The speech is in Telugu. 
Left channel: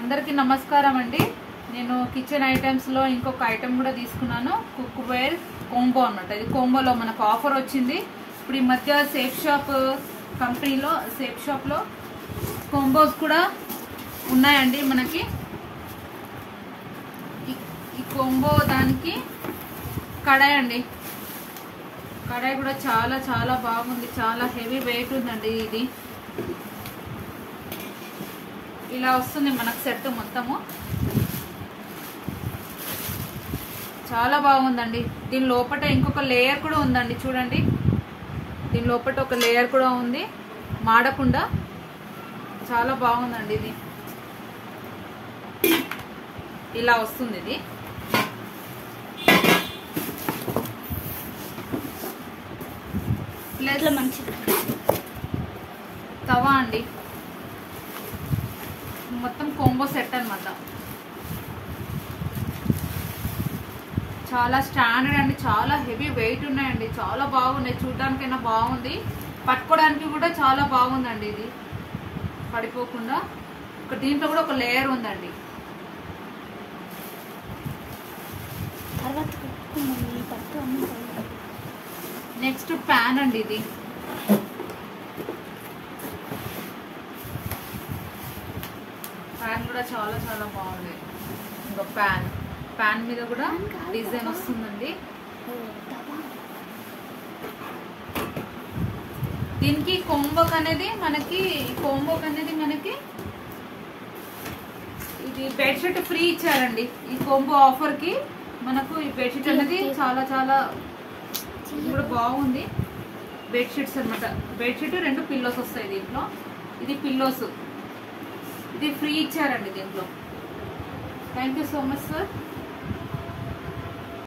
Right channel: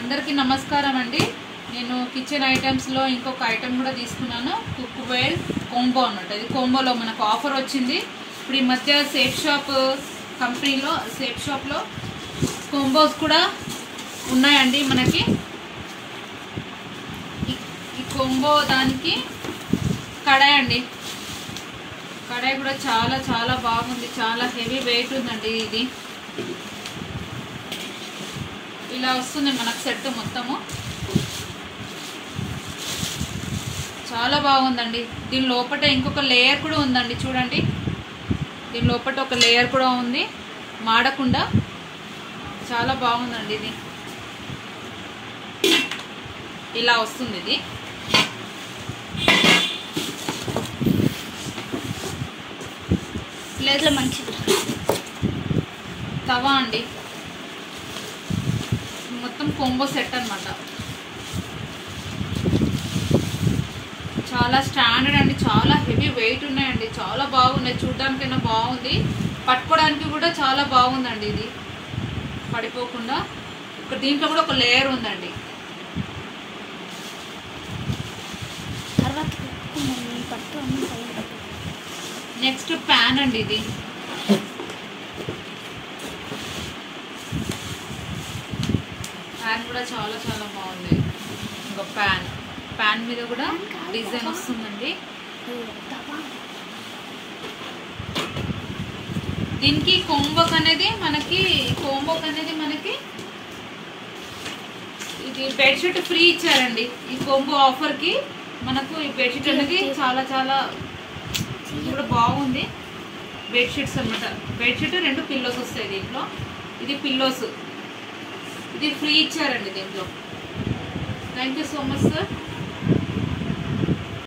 అందరికీ నమస్కారం అండి. నేను కిచెన్ ఐటమ్స్లో ఇంకొక ఐటమ్ కూడా తీసుకున్నాను, కుక్వేర్ కోంబో అన్నమాట. ఇది కోంబోలో మనకు ఆఫర్ వచ్చింది. ఇప్పుడు ఈ మధ్య సేఫ్ షాప్లో కోంబోస్ కూడా ఉన్నాయండి మనకి. ఈ కోంబో దానికి కడాయి అండి. కడాయి కూడా చాలా చాలా బాగుంది, చాలా హెవీ వెయిట్ ఉందండి. ఇది ఇలా వస్తుంది మనకు సెట్ మొత్తము, చాలా బాగుందండి. దీని లోపల ఇంకొక లేయర్ కూడా ఉందండి, చూడండి. దీని లోపల ఒక లేయర్ కూడా ఉంది, మాడకుండా. చాలా బాగుందండి. ఇది ఇలా వస్తుంది. ఇది ప్లేట్లో మంచి తవా అండి. మొత్తం కోంబో సెట్ అన్నమాట. చాలా స్టాండర్డ్ అండి, చాలా హెవీ వెయిట్ ఉన్నాయండి, చాలా బాగున్నాయి. చూడడానికైనా బాగుంది, పట్టుకోవడానికి కూడా చాలా బాగుందండి. ఇది పడిపోకుండా. దీంట్లో కూడా ఒక లేయర్ ఉందండి. నెక్స్ట్ ప్యాన్ అండి. ఇది ప్యాన్ కూడా చాలా చాలా బాగుంది. ఇంకా ప్యాన్ మీద కూడా డిజైన్ వస్తుందండి. దీనికి కోంబోక్ అనేది మనకి ఇది బెడ్షీట్ ఫ్రీ ఇచ్చారండి. ఈ కోంబో ఆఫర్కి మనకు ఈ బెడ్షీట్ అనేది చాలా చాలా కూడా బాగుంది. బెడ్షీట్స్ అనమాట. బెడ్షీట్ 2 పిల్లోస్ వస్తాయి దీంట్లో. ఇది పిల్లోస్, ఇది ఫ్రీ ఇచ్చారండి దీంట్లో. Thank you so much sir.